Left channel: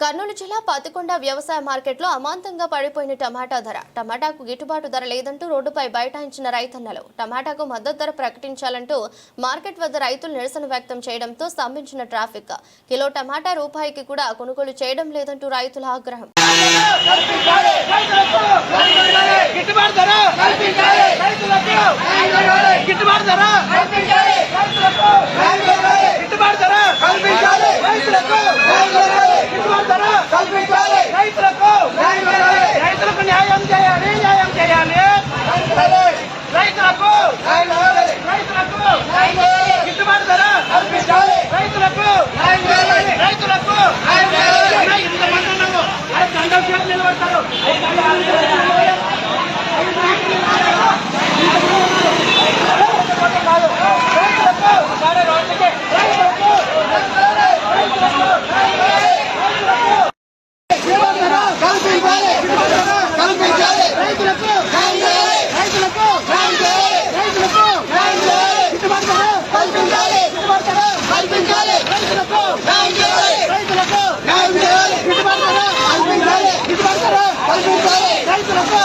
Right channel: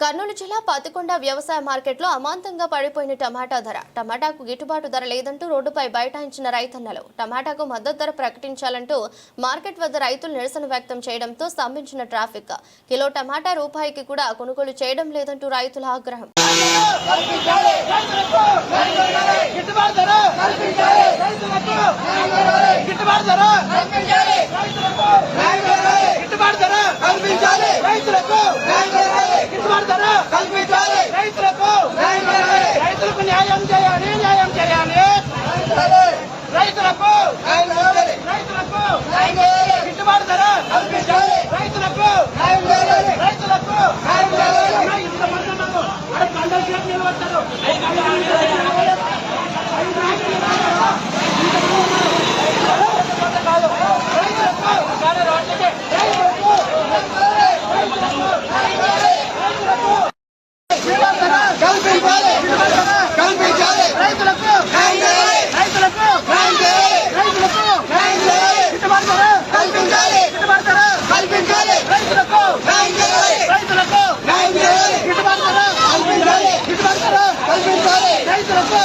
కర్నూలు జిల్లా పతికొండ వ్యవసాయ మార్కెట్లో అమాంతంగా పడిపోయిన టమాటా ధర. టమాటాకు గిట్టుబాటు ధర లేదంటూ రోడ్డుపై బైఠాయించిన రైతన్నలు. టమాటాకు మద్దతు ధర ప్రకటించాలంటూ మార్కెట్ వద్ద రైతులు నిరసన వ్యక్తం చేయడంతో స్తంభించిన ట్రాఫిక్. కిలో టమాటా రూపాయికి కూడా కొనుగోలు చేయడం లేదంటూ రైతుల ఆగ్రహం. గిట్టుబాటు ధర రైతులకు గిట్టుబాటు ధర గిట్టుబాటు ధర రైతులకు రైతులకు రైతులకు న్యాయం చేయాలి. న్యాయం చేయాలి రైతులకు రైతులకు గిట్టుబాటు ధర రైతులకు రైతులకు నిలబడతారు కల్పించాలి. కల్పించాలి రైతులకు రైతులకు రైతులకు గిట్టుబాటు కల్పించాలి కల్పించాలి రైతులకు రైతులకు గిట్టుబాటు కల్పించాలి గిట్టుబాటు కల్పించాలి రైతులకు